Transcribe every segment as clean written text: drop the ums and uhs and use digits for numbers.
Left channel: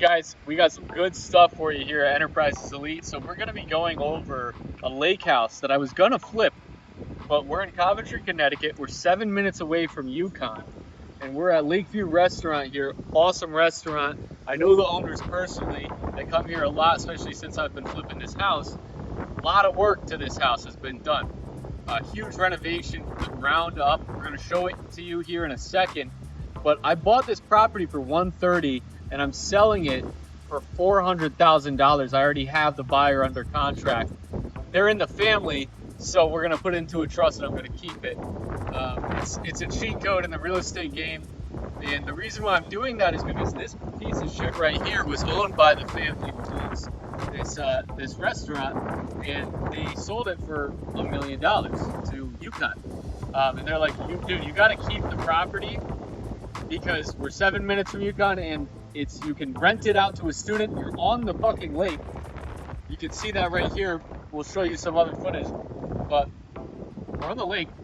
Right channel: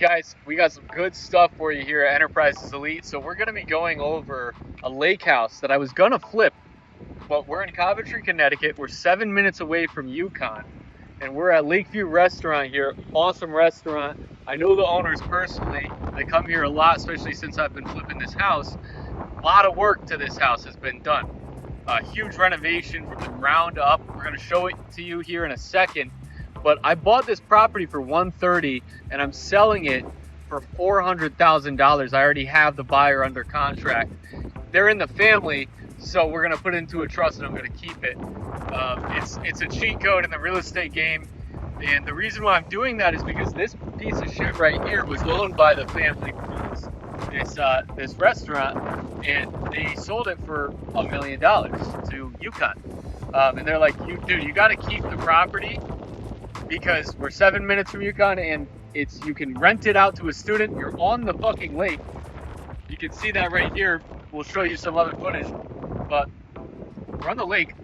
guys, we got some good stuff for you here at Enterprises Elite. So we're gonna be going over a lake house that I was gonna flip, but we're in Coventry, Connecticut. We're 7 minutes away from Yukon, and we're at Lakeview Restaurant here. Awesome restaurant. I know the owners personally. They come here a lot, especially since I've been flipping this house. A lot of work to this house has been done. A huge renovation from the ground up. We're gonna show it to you here in a second. But I bought this property for $130 and I'm selling it for $400,000. I already have the buyer under contract. They're in the family, so we're gonna put it into a trust and I'm gonna keep it. It's a cheat code in the real estate game. And the reason why I'm doing that is because this piece of shit right here was owned by the family. It's this restaurant, and they sold it for $1 million to Yukon. And they're like, dude, you gotta keep the property because we're 7 minutes from Yukon, and you can rent it out to a student. You're on the fucking lake. You can see that right here. We'll show you some other footage, but we're on the lake,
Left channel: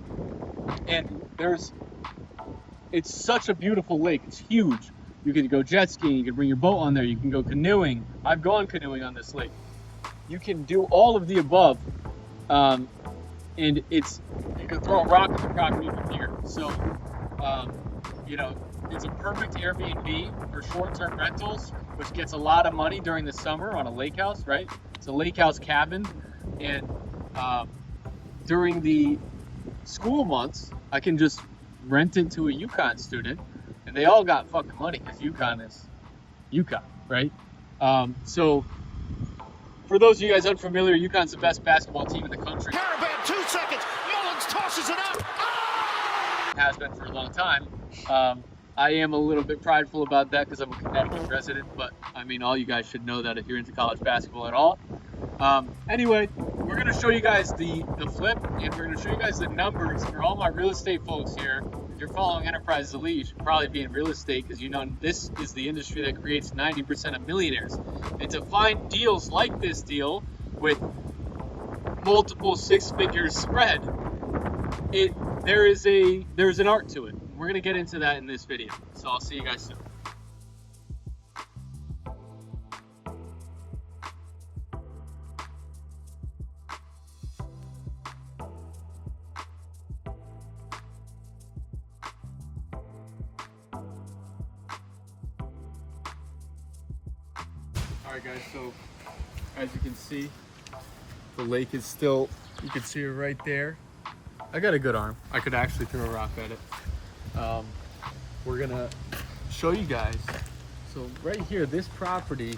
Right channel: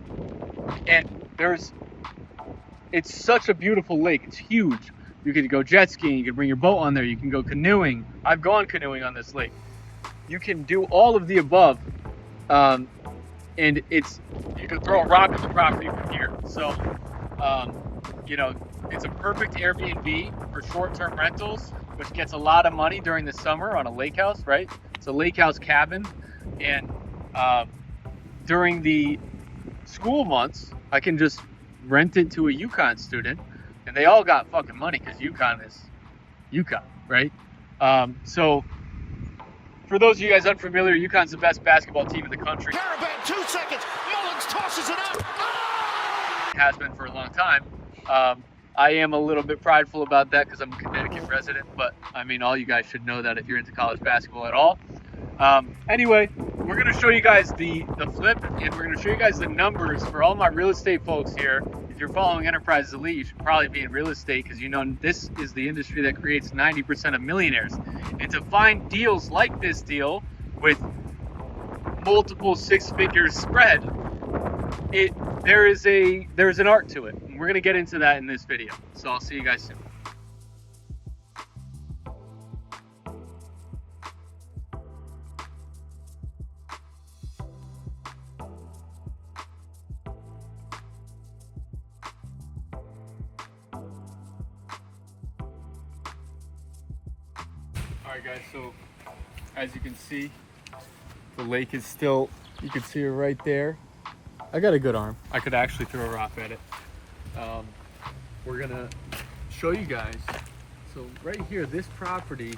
and it's such a beautiful lake. It's huge. You can go jet skiing, you can bring your boat on there, you can go canoeing. I've gone canoeing on this lake. You can do all of the above, and you can throw a rock at the property from here. So, it's a perfect Airbnb for short-term rentals, which gets a lot of money during the summer on a lake house, right? It's a lake house cabin, and during the school months, I can just rent it to a Yukon student, and they all got fucking money because Yukon is Yukon, right? So for those of you guys unfamiliar, Yukon's the best basketball team in the country. Caravan, 2 seconds. Mullins tosses it up. Has been for a long time. I am a little bit prideful about that because I'm a Connecticut resident, but I mean, all you guys should know that if you're into college basketball at all. Anyway, we're going to show you guys the flip, and we're going to show you guys the numbers for all my real estate folks here. If you're following Enterprises Elite, you should probably be in real estate because you know this is the industry that creates 90% of millionaires. And to find deals like this deal with multiple six-figure spread, there's an art to it. And we're going to get into that in this video. So I'll see you guys soon. Alright guys, so as you can see, the lake is still, you can see her right there. I got a good arm. I could actually throw a rock at it. We're gonna show you guys. So right here, this property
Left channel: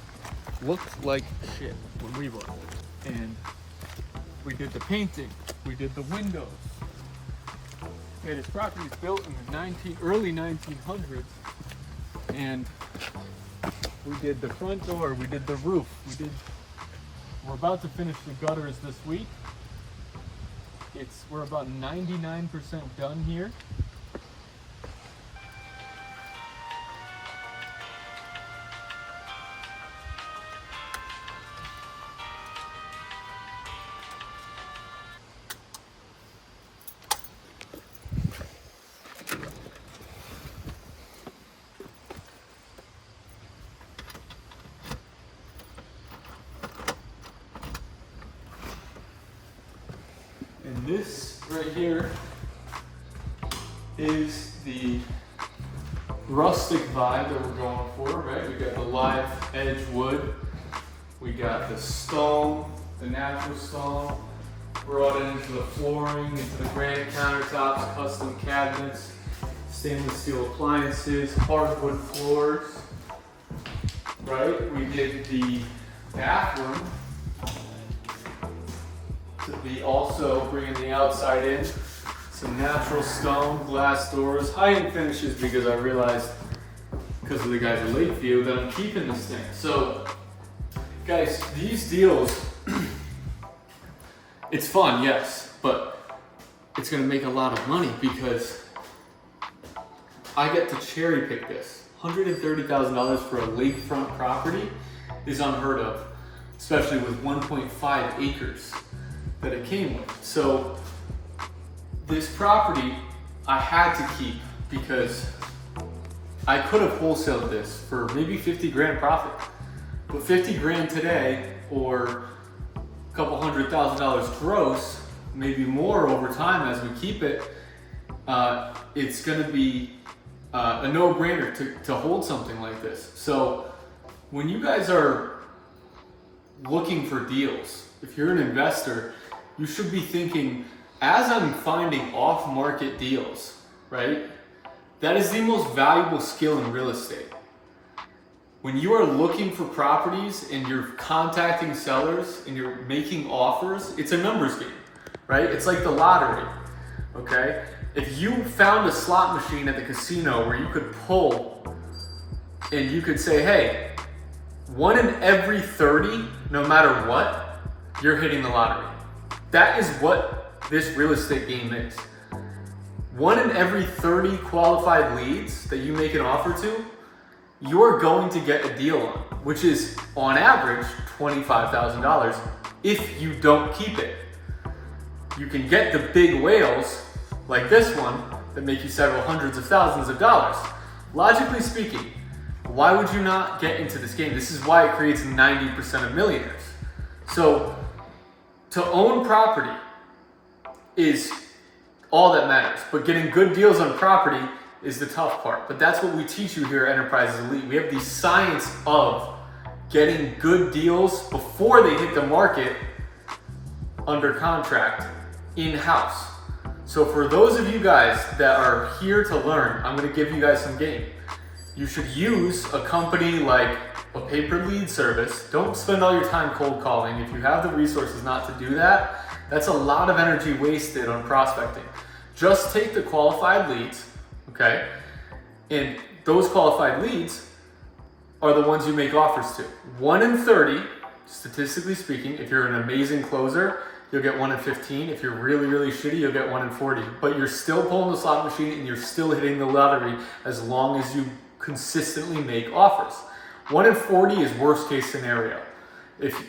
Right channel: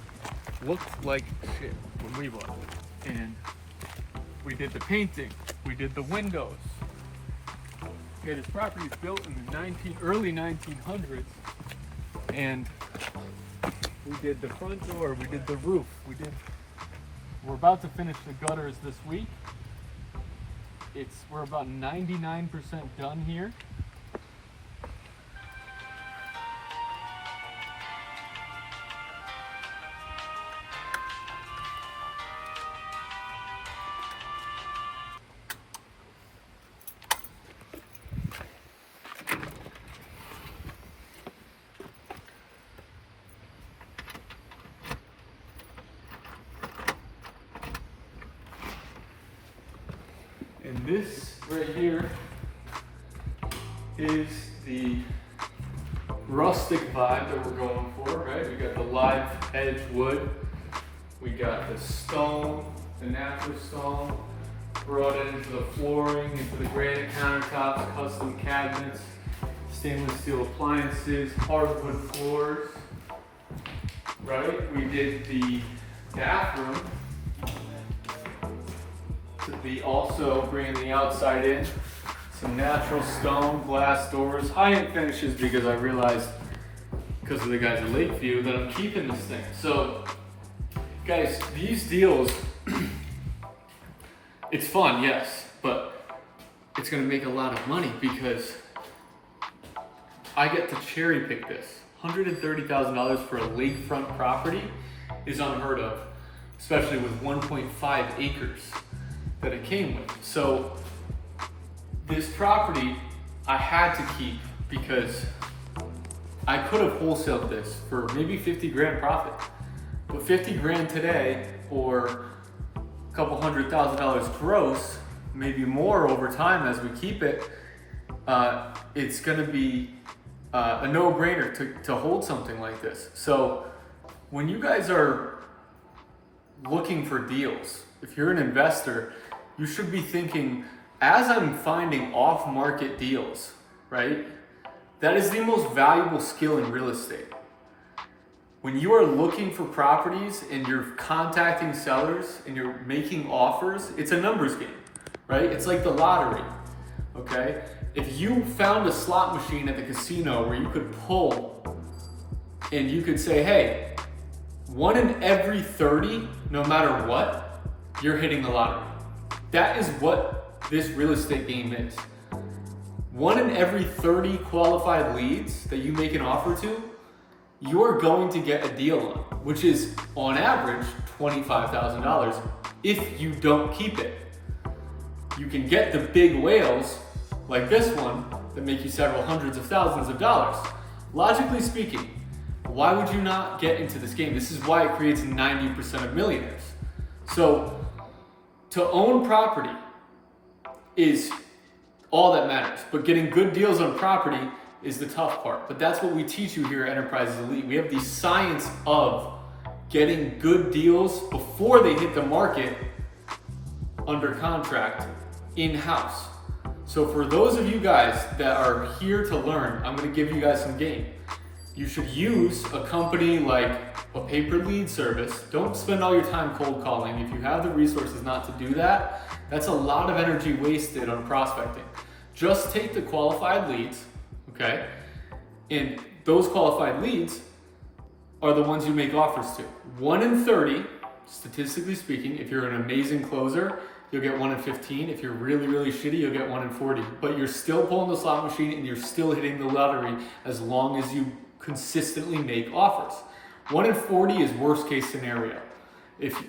looked like shit when we bought it. And we did the painting, we did the windows. Yeah, this property is built in the early 1900s. And we did the front door, we did the roof, we're about to finish the gutters this week. We're about 99% done here. And this right here is the rustic vibe that we're going for, right? We got the live edge wood, we got the stone, the natural stone, brought it into the flooring, into the granite countertops, custom cabinets, stainless steel appliances, hardwood floors, right? We did the bathroom to be also bringing the outside in, some natural stone, glass doors, high-end finishes because I realized, because of the guys at Lakeview, that I'm keeping this thing. So, guys, these deals, it's fun, yes, but it's gonna make a lot of money because I get to cherry pick this. $130,000 for a lakefront property is unheard of, especially with 1.5 acres that it came with. So this property I had to keep because I could have wholesaled this for maybe 50 grand profit. But 50 grand today, or a couple $100,000 gross, maybe more over time as we keep it, it's gonna be a no-brainer to hold something like this. So when you guys are looking for deals, if you're an investor, you should be thinking, as I'm finding off-market deals, right? That is the most valuable skill in real estate. When you are looking for properties and you're contacting sellers and you're making offers, it's a numbers game, right? It's like the lottery, okay? If you found a slot machine at the casino where you could pull and you could say, hey, 1 in every 30, no matter what, you're hitting the lottery. That is what this real estate game is. 1 in every 30 qualified leads that you make an offer to, you're going to get a deal on, which is on average $25,000 if you don't keep it. You can get the big whales like this one that make you several hundreds of thousands of dollars. Logically speaking, why would you not get into this game? This is why it creates 90% of millionaires. So to own property is all that matters, but getting good deals on property is the tough part. But that's what we teach you here at Enterprises Elite. We have the science of getting good deals before they hit the market under contract in-house. So for those of you guys that are here to learn, I'm gonna give you guys some game. You should use a company like a pay-per-lead service. Don't spend all your time cold calling. If you have the resources not to do that, that's a lot of energy wasted on prospecting. Just take the qualified leads, okay? And those qualified leads are the ones you make offers to. 1 in 30, statistically speaking, if you're an amazing closer, you'll get 1 in 15. If you're really, really shitty, you'll get 1 in 40. But you're still pulling the slot machine and you're still hitting the lottery as long as you consistently make offers. 1 in 40 is worst case scenario.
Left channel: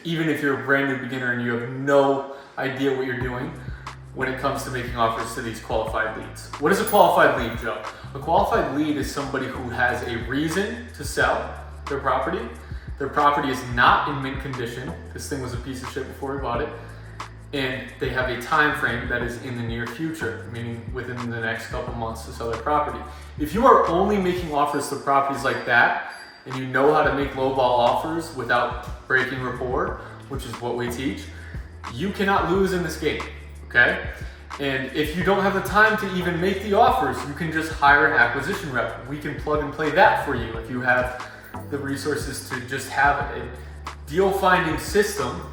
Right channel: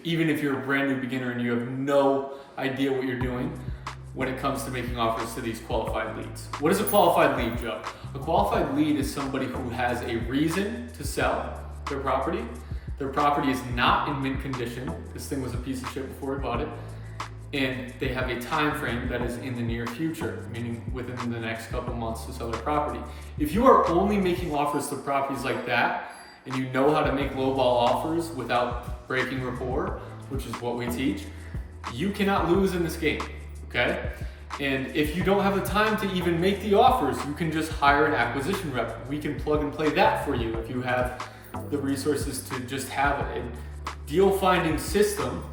Even if you're a brand new beginner and you have no idea what you're doing when it comes to making offers to these qualified leads. What is a qualified lead, Joe? A qualified lead is somebody who has a reason to sell their property. Their property is not in mint condition. This thing was a piece of shit before we bought it. And they have a time frame that is in the near future, meaning within the next couple months to sell their property. If you are only making offers to properties like that, and you know how to make lowball offers without breaking rapport, which is what we teach, you cannot lose in this game, okay? And if you don't have the time to even make the offers, you can just hire an acquisition rep. We can plug and play that for you if you have the resources to just have a deal finding system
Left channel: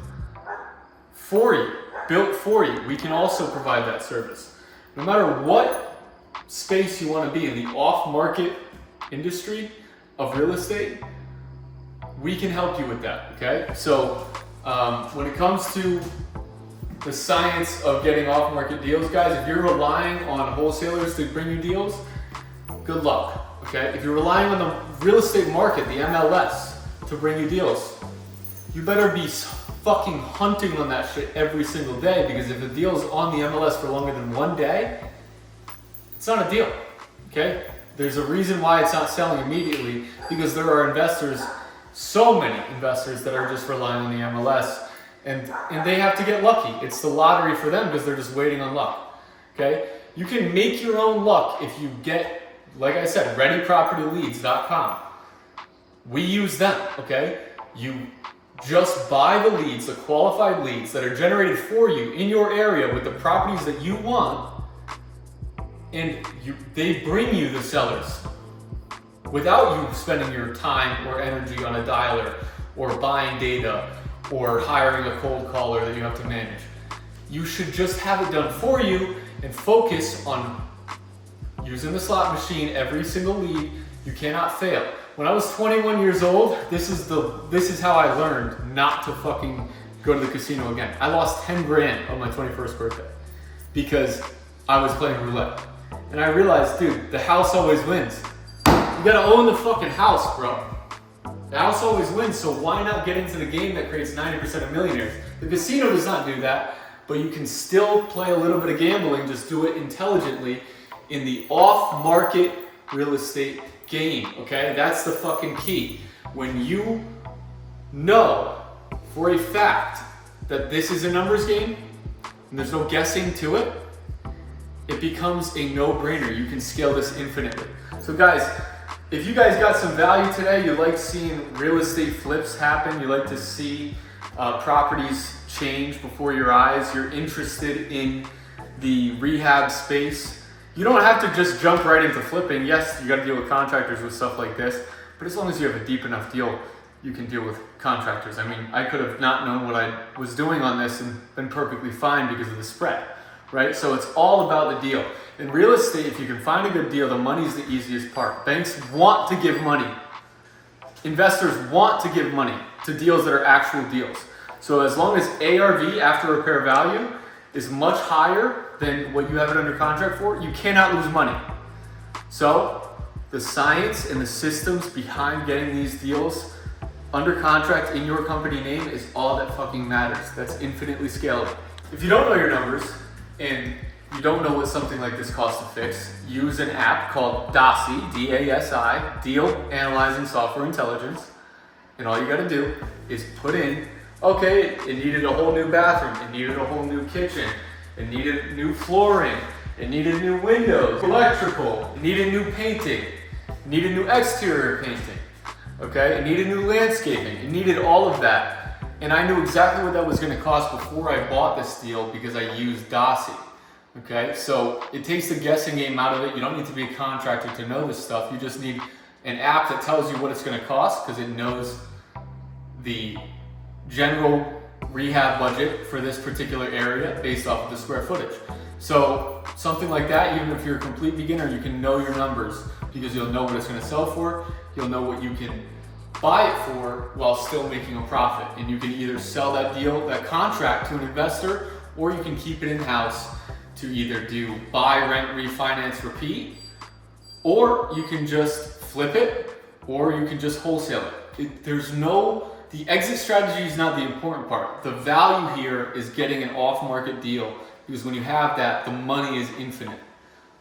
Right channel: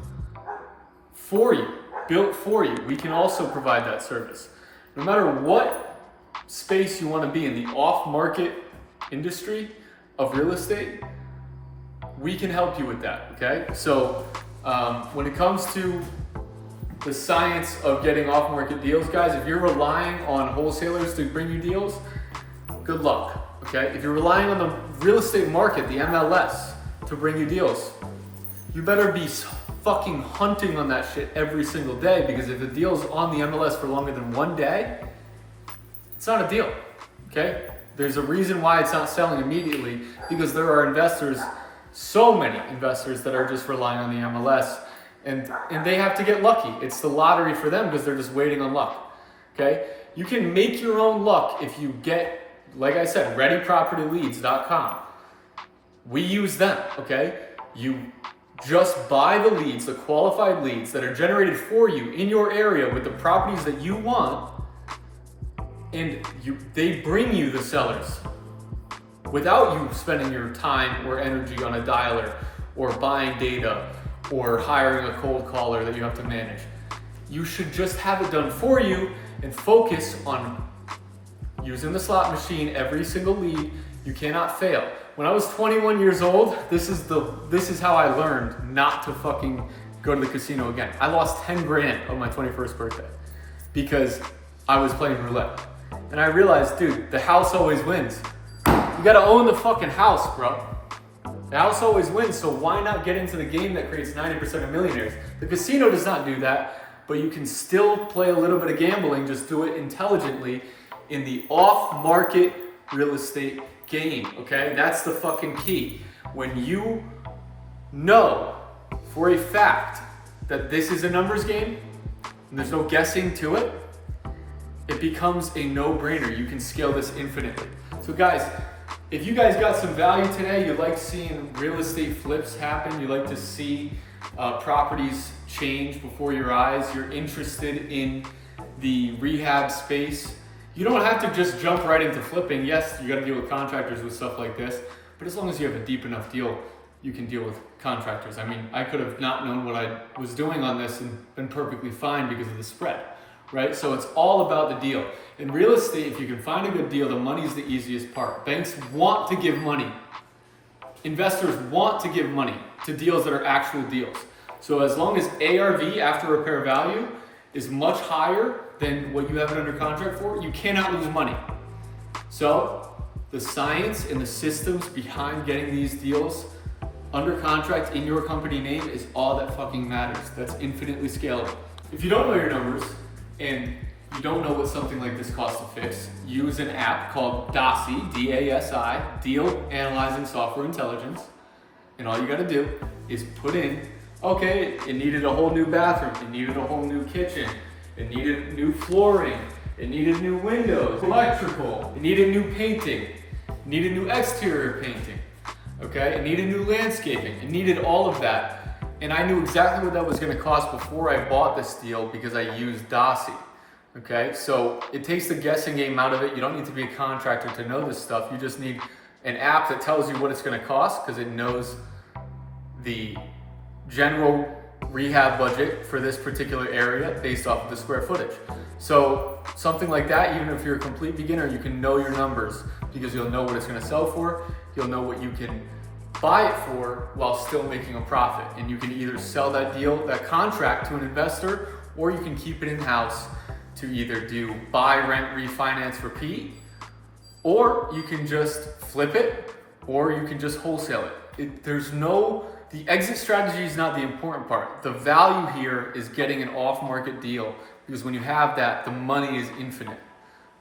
for you, built for you. We can also provide that service. No matter what space you want to be in, the off-market industry of real estate, we can help you with that, okay? So when it comes to the science of getting off-market deals, guys, if you're relying on wholesalers to bring you deals, good luck, okay? If you're relying on the real estate market, the MLS, to bring you deals, you better be fucking hunting on that shit every single day, because if a deal's on the MLS for longer than 1 day, it's not a deal, okay? There's a reason why it's not selling immediately, because there are investors, so many investors that are just relying on the MLS, and they have to get lucky. It's the lottery for them because they're just waiting on luck, okay? You can make your own luck if you get, like I said, readypropertyleads.com. We use them, okay? You just buy the leads, the qualified leads that are generated for you in your area with the properties that you want, and they bring you the sellers without you spending your time or energy on a dialer or buying data or hiring a cold caller that you have to manage. You should just have it done for you and focus on using the slot machine every single lead. You cannot fail. When I was 21 years old, this is how I learned not to fucking go to the casino again. I lost 10 grand on my 21st birthday because I was playing roulette. And I realized, dude, the house always wins. You gotta own the fucking house, bro. The house always wins, so why not get into the game that creates 90% of millionaires? The casino does not do that, but you can still play a little bit of gambling, just do it intelligently in the off-market real estate game, okay? That's the fucking key. When you know for a fact that this is a numbers game and there's no guessing to it, it becomes a no-brainer. You can scale this infinitely. So guys, if you guys got some value today, you like seeing real estate flips happen, you like to see properties change before your eyes, you're interested in the rehab space, you don't have to just jump right into flipping. Yes, you got to deal with contractors with stuff like this, but as long as you have a deep enough deal, you can deal with contractors. I mean, I could have not known what I was doing on this and been perfectly fine because of the spread, right? So it's all about the deal. In real estate, if you can find a good deal, the money is the easiest part. Banks want to give money. Investors want to give money to deals that are actual deals. So as long as ARV, after repair value, is much higher than what you have it under contract for, you cannot lose money. So the science and the systems behind getting these deals under contract in your company name is all that fucking matters. That's infinitely scalable. If you don't know your numbers and you don't know what something like this costs to fix, use an app called DASI, D-A-S-I, Deal Analyzing Software Intelligence. And all you gotta do is put in, okay, it needed a whole new bathroom, it needed a whole new kitchen, it needed new flooring, it needed new windows, electrical, it needed new painting, it needed new exterior painting, okay? It needed new landscaping, it needed all of that. And I knew exactly what that was gonna cost before I bought this deal because I used DASI, okay? So it takes the guessing game out of it. You don't need to be a contractor to know this stuff. You just need an app that tells you what it's gonna cost because it knows the general rehab budget for this particular area based off of the square footage. So something like that, even if you're a complete beginner, you can know your numbers because you'll know what it's gonna sell for, you'll know what you can buy it for while still making a profit. And you can either sell that deal, that contract to an investor, or you can keep it in-house to either do buy, rent, refinance, repeat, or you can just flip it, or you can just wholesale it. The exit strategy is not the important part. The value here is getting an off-market deal because when you have that, the money is infinite.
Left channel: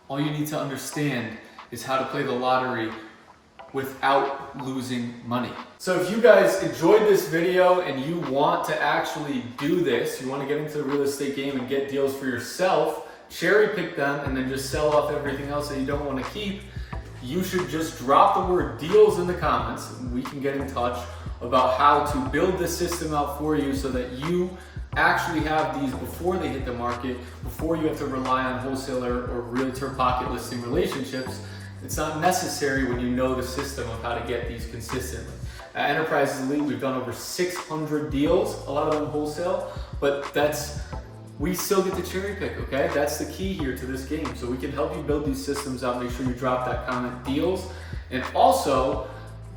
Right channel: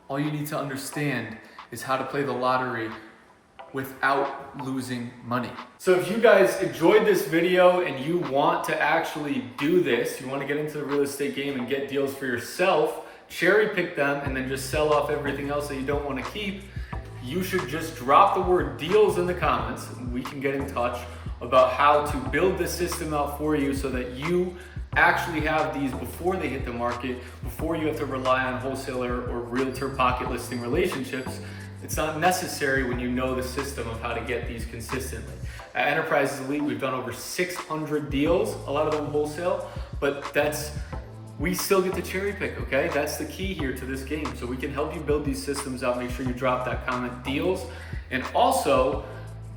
All you need to understand is how to play the lottery without losing money. So if you guys enjoyed this video and you want to actually do this, you want to get into the real estate game and get deals for yourself, cherry pick them and then just sell off everything else that you don't want to keep, you should just drop the word deals in the comments and we can get in touch about how to build the system out for you so that you actually have these before they hit the market, before you have to rely on wholesaler or realtor pocket listing relationships. It's not necessary when you know the system of how to get these consistently. At Enterprises Elite, we've done over 600 deals, a lot of them wholesale, but we still get to cherry pick, okay? That's the key here to this game. So we can help you build these systems out. Make sure you drop that comment deals. And also,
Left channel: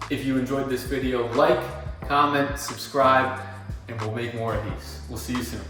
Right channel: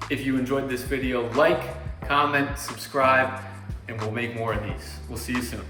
if you enjoyed this video, like, comment, subscribe, and we'll make more of these. We'll see you soon.